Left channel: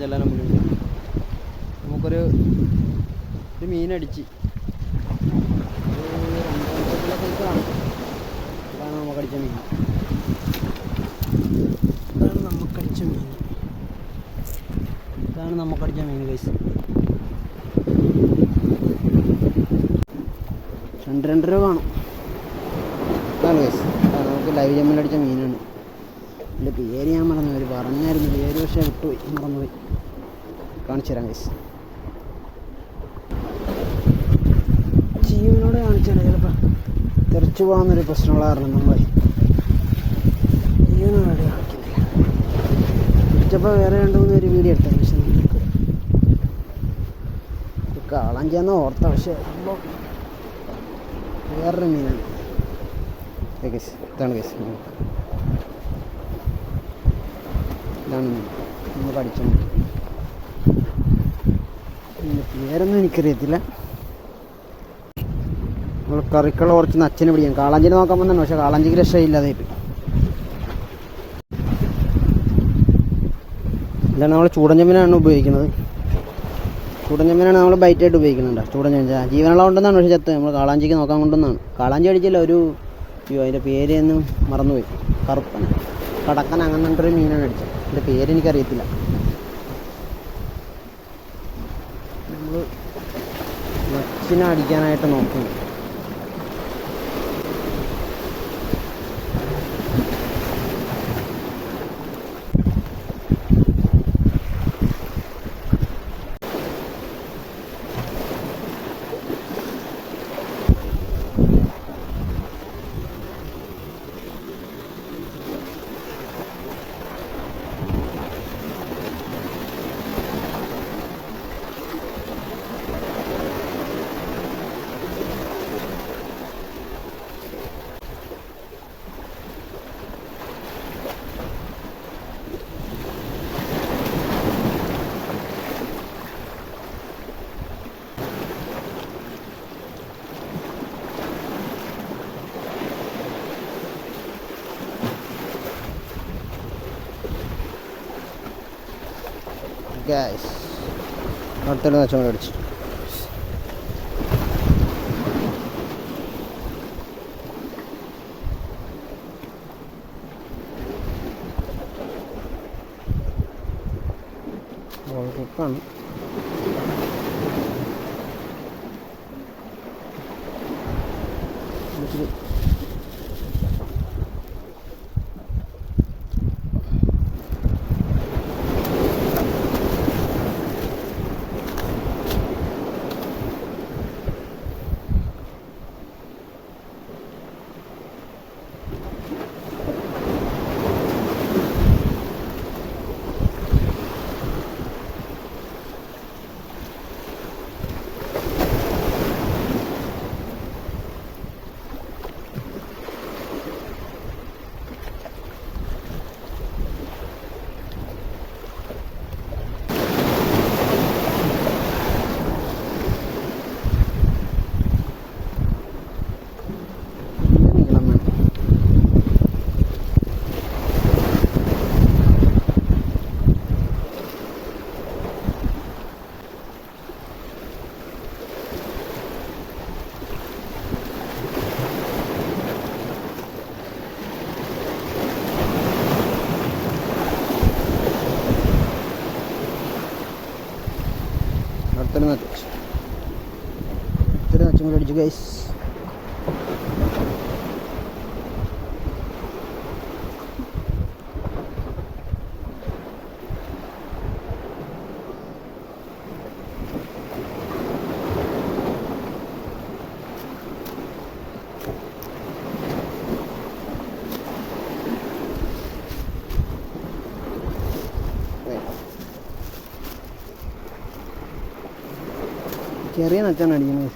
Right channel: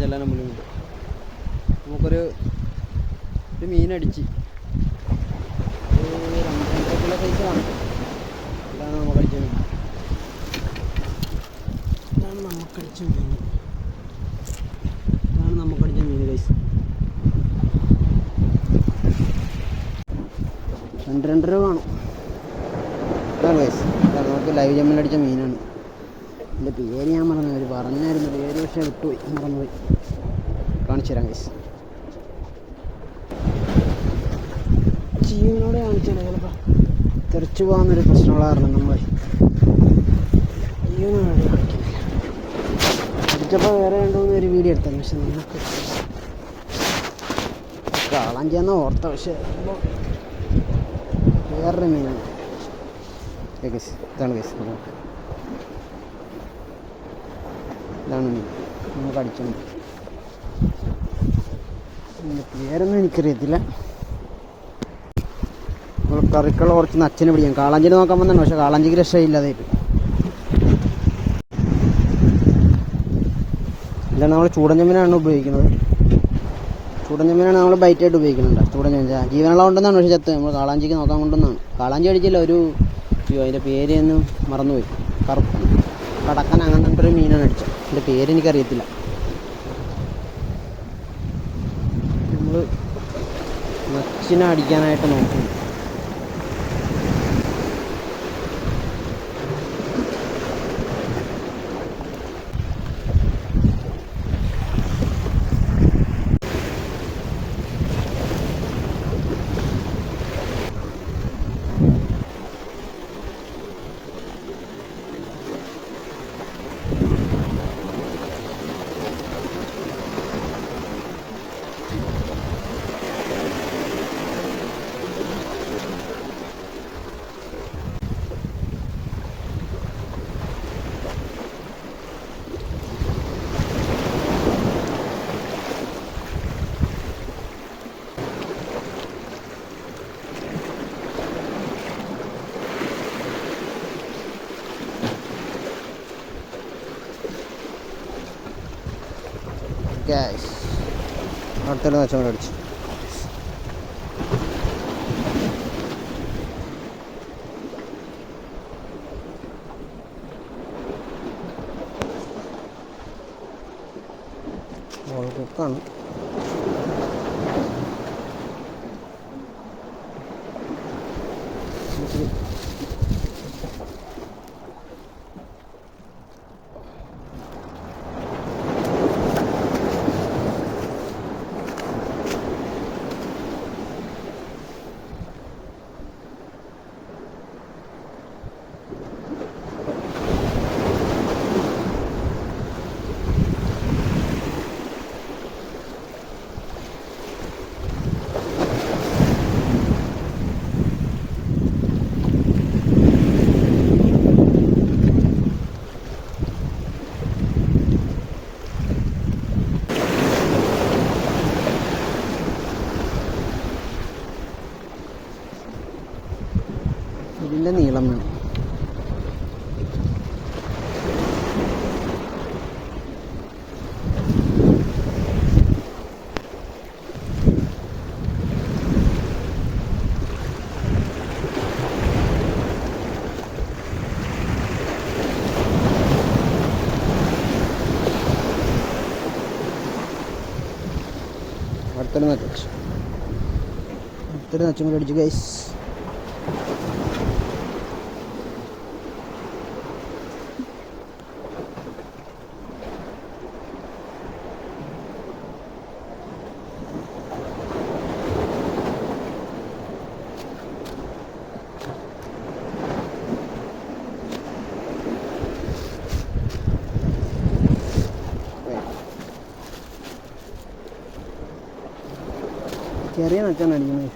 കാണിച്ചെല്ലാം പുള്ളി നമുക്കൊരു മീനടിച്ച് 2 kilo size കാണും. ഇതാണ് നമുക്കടിച്ച മീൻ. ഇതാണ് നമുക്കടിച്ച മീൻ ഗൈസ്. 2.5 രൂപ കാണും. ഇതാണ് ഗൈസ്. നമുക്ക് ലൈവ് ജമ്മിലടിച്ച മീനാണ്. എൻ്റെ പേര് ഞാൻ മറന്നുപോയി. പറഞ്ഞായിരുന്നു പേര്, പക്ഷേ വിട്ടുപോയി, മറന്നുപോയി. കാണിച്ചു തരാം ഗൈസ്. ജീവനോടെ കാണിച്ചാൽ ചിലപ്പോൾ തെറിച്ചു പോകാമെന്നൊരു പ്രശ്നമുള്ള കാരണം നമ്മൾ ജീവനോട് കാണിക്കുന്നില്ല. അടിച്ചപ്പോൾ വേറെ 2-3 പേര് വീഡിയോ എടുത്തു. പക്ഷെ നമുക്ക് കാളാഞ്ചിയാന്ന് ഓർത്ത, പക്ഷേ വേറൊരു മീനാണ്. ഗൈസ് ഇതാണ് ഗൈസ്. ഇതാണ് മീൻ നമുക്ക് അടിച്ച മീൻ. പേരൊന്നും എനിക്കറിയത്തില്ല. നമ്മൾ കറിക്കുള്ള കുറച്ച് അച്ഛനെ പിടിക്കാം. കാളാഞ്ചിനെ നോക്കാൻ വന്നാണ്, പക്ഷെ കാളാഞ്ചിക്ക് രക്ഷയില്ലാതെ ഇപ്പം. ഇതാണ് നമ്മൾ ചൂടഞ്ചമ്മനാണ് ഉപയോഗിക്കുന്നത്. ചൂടഞ്ചമ്മനാണ് നമ്മൾ ബൈറ്റായിട്ട് ഉപയോഗിക്കുന്നുണ്ട്. ചൂടഞ്ചമ്മ ജീവനുള്ളതുകൊണ്ടെന്നാണ്, പക്ഷേ ചത്ത് നമ്മൾ കാളാഞ്ചിക്ക് നോക്കാൻ കൊണ്ടുവന്നാണ്. കാളാഞ്ചി അടിച്ചില്ല, അതിൻ്റെ പേര് ഒന്നും മറന്നുപോയി. കറുപ്പൻ കടക്കൻ അങ്ങനത്തെ മീനാണ് അടിച്ചത്. എൻ്റെ പേര് എനിക്കറിയത്തില്ല. നമ്മൾ നച്ചിനെ അടിക്കാനായിട്ട് നോക്കുന്നു. അടുത്തൊരു നച്ചോടെ അടിച്ചു. കുക്കാണ്. നീളം വേണം. അടുത്തൊരു നച്ചും കൂടി അടിച്ചു ഗൈസ്. ചെറിയ നച്ചാണ് അടിക്കുന്നത്.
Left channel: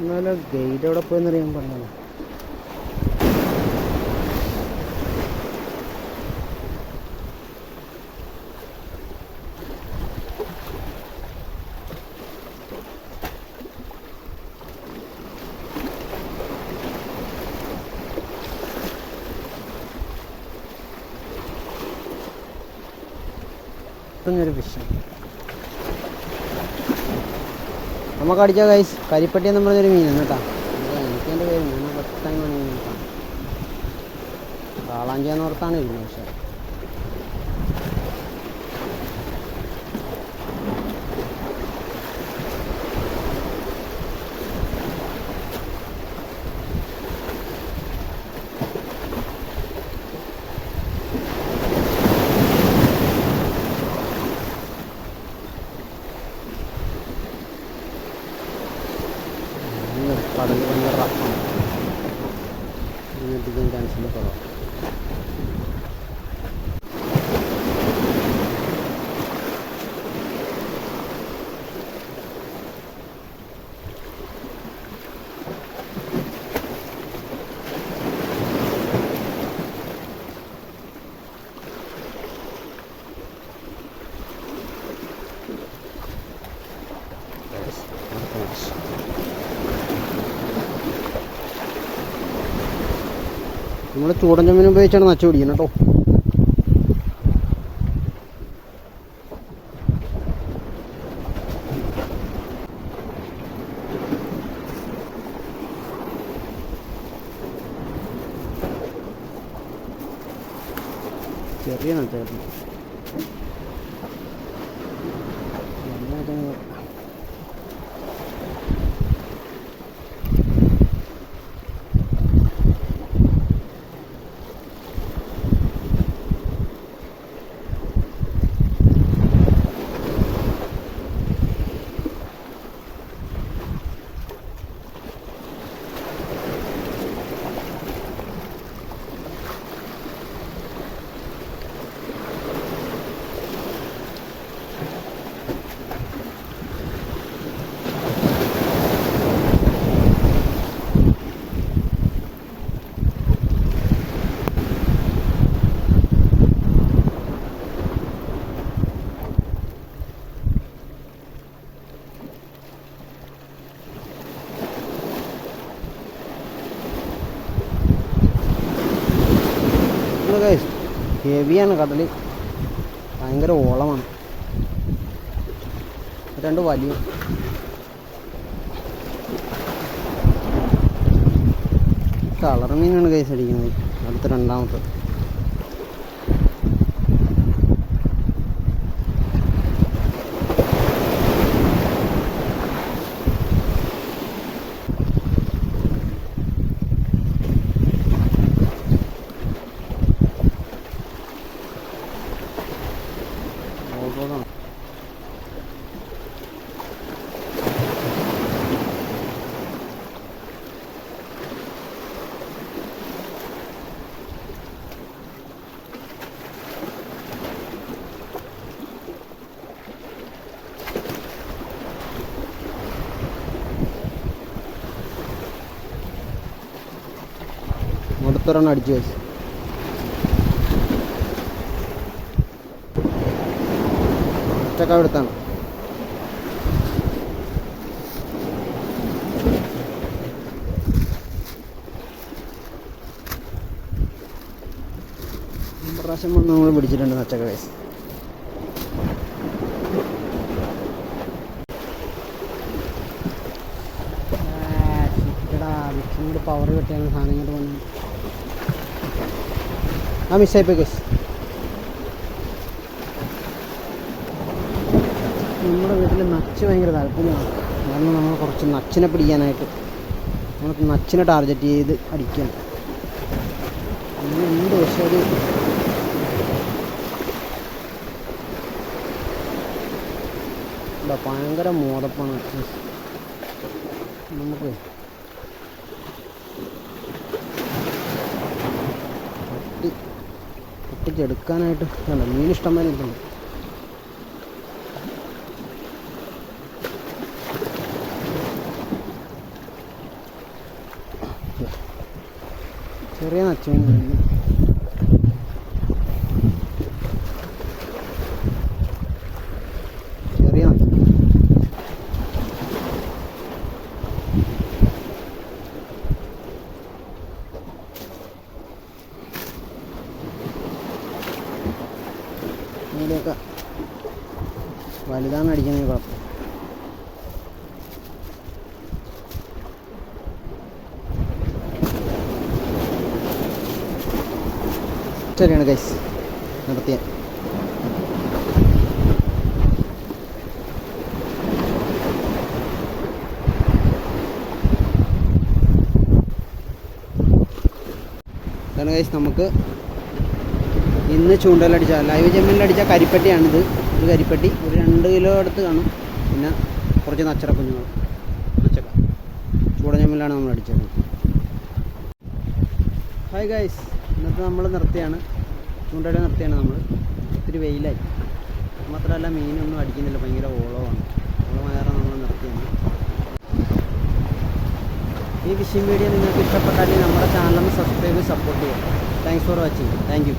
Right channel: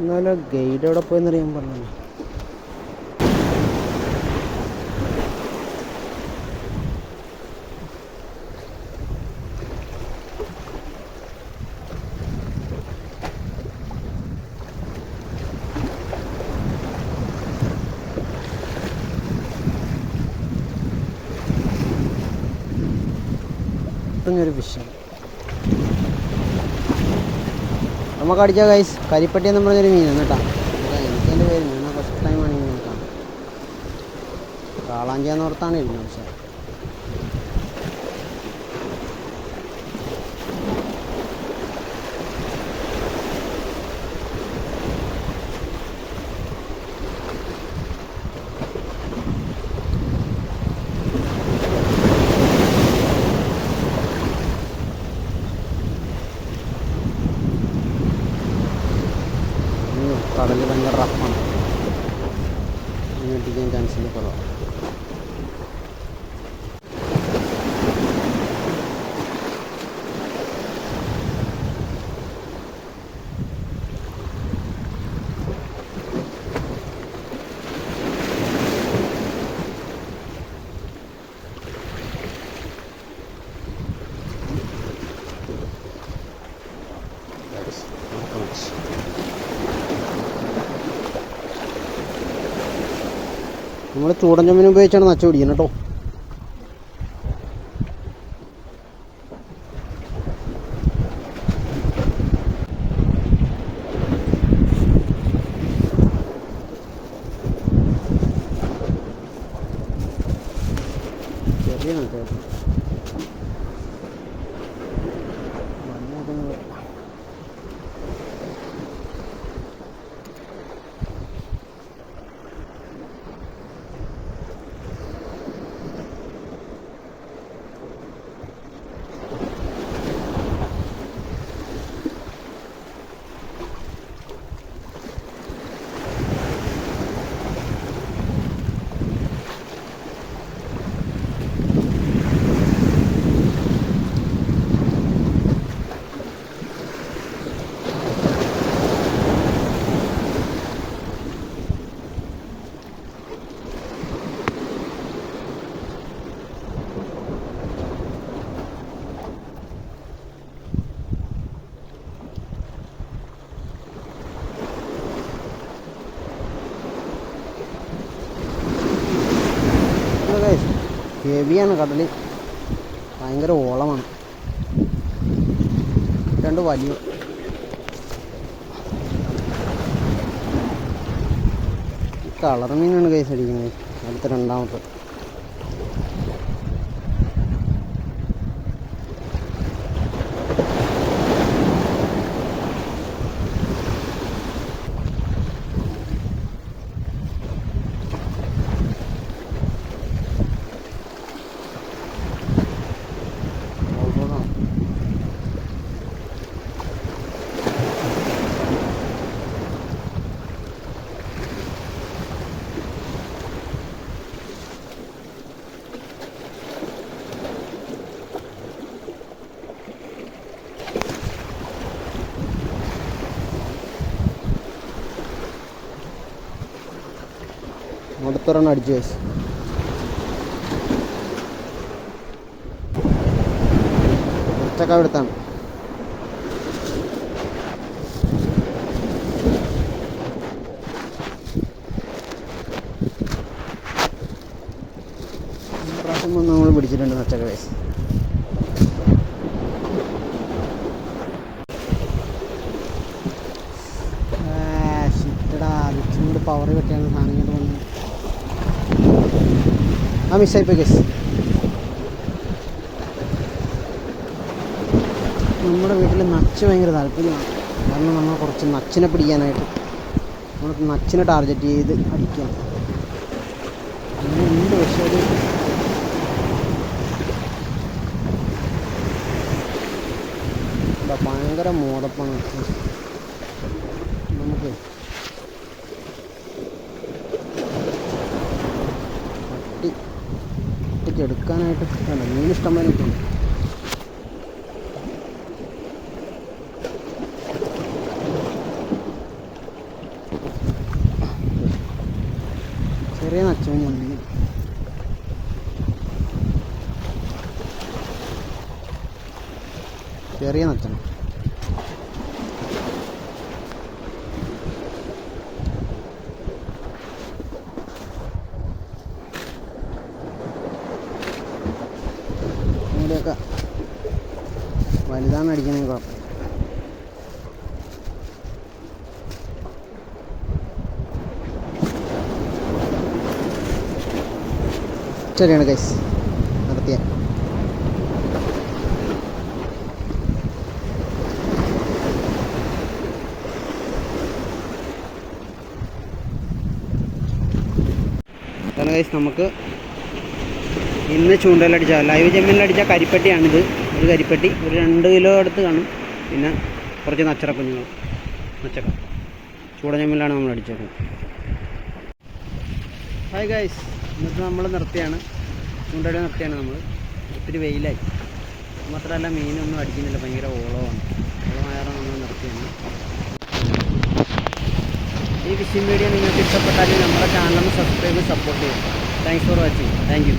എന്നാലും ഗൈഡ് എവിടെ പോയെന്നറിയാൻ പറഞ്ഞു. മുത്തുന്നൊരു ഫിഷാണ്. നമുക്ക് അടിച്ച ഗൈസ് കരിപ്പട്ടി എന്ന് പറഞ്ഞൊരു മീനാണ് കേട്ടോ. എനിക്കെൻ്റെ പേര് ഞാൻ ഫസ്റ്റ് ടൈമാണ് ഈ മീൻ കാണുന്നത്. കാളാഞ്ചിയാന്ന് ഓർത്താണ് ഇരുന്നത്. പക്ഷേ കടൽ ഭയങ്കര റഫാണ്. ഇട്ടിക്കാൻ ചാൻസിൻ്റെ കുറവാണ്. നമ്മൾ ചൂടൻ ചെമ്മീൻ ഉപയോഗിച്ചാണ് നച്ച പിടിക്കുന്നത് കേട്ടോ. ചെറിയ നച്ചായിരുന്നു. ഹെവിയാണ് കടൽ, ഭയങ്കര ഓളമാണ്. രണ്ട് വലിയ കളർ മീനാണ് കൈസ് അടിക്കുന്നത്. അടുത്ത രണ്ടാമത്തെ അടുത്തൊരെണ്ണം അടിച്ചു വെച്ചു. ഒറ്റക്ക എടുത്താണ്. പ്രാവശ്യം നമ്മൾ പിടിച്ചിട്ടുണ്ട് നച്ചക്ക വയസ്സ്. ഇച്ചും കൂടി പവർ കിട്ടിയാണ് സാധനം ഇങ്ങോട്ട് വന്നത്. ആ മിസ്സായിപ്പോയി കേസ്. നമ്മുടെ വീട്ടിൽ നച്ച് ഭയങ്കര താല്പര്യമാണ്. കാരണം നമ്മൾ കുറച്ച് നച്ചിനെ പിടിക്കാനായിട്ട് നമ്മൾ നച്ചിനെ ടാർഗറ്റ് ചെയ്ത് അടിക്കണം. അങ്ങനെ ഉണ്ട്. പക്ഷേ ഒരു ഭയങ്കര മോദപ്പാണ് നമുക്ക്. പൊട്ടിച്ചെടുക്കാനായിട്ട് വേണ്ട മീൻ ഇഷ്ടം പോലെ ഇട്ടുണ്ട്. ചെറിയ നച്ചുമീനാണ്. ചെറിയ നച്ച മൂടിയൊക്കെ വലുതാണ് അടിക്കണേ കുഴപ്പം. ശരിയാണ് ഗൈസ്, നടത്തിയ ഗൈസ്. നമുക്ക് ഇന്ന് ചൂണ്ടയിലടിച്ച ലൈവ് ജമ്മീനിലടിച്ച കരിപ്പട്ടിയാണിത്. ഒരു കരിപ്പട്ടി ഒരു 2 കിലോ അടുത്ത് കാണും. പിന്നെ കുറച്ച് നച്ചറ കുഞ്ഞുങ്ങൾ, നച്ചക്ക ചൂട ജമ്മീനിലാണ് നമ്മൾ അടിച്ചേക്കുന്നത്. ഹായ് ഗൈസ്, ഇന്നത്തെ നമ്മൾ നിർത്തിയാണ്, ചൂണ്ടയിൽ നിർത്തിയാണ് നമ്മൾ. ഒത്തിരി വെയിലായി, മാത്രമല്ല മീനൊന്നും അടിക്കുന്നില്ല, ഭയങ്കര ഓളമാണ്. ഓളമായാലും നമ്മൾ നിർത്തിയാണ്. ഈ ഫിഷിംഗ് വീഡിയോ നിങ്ങൾക്ക് ഇഷ്ടപ്പെട്ടാൽ നമ്മുടെ ചാനലൊന്ന് സബ്സ്ക്രൈബ് സപ്പോർട്ട് ചെയ്യുക. Thanks for watching. Thank you.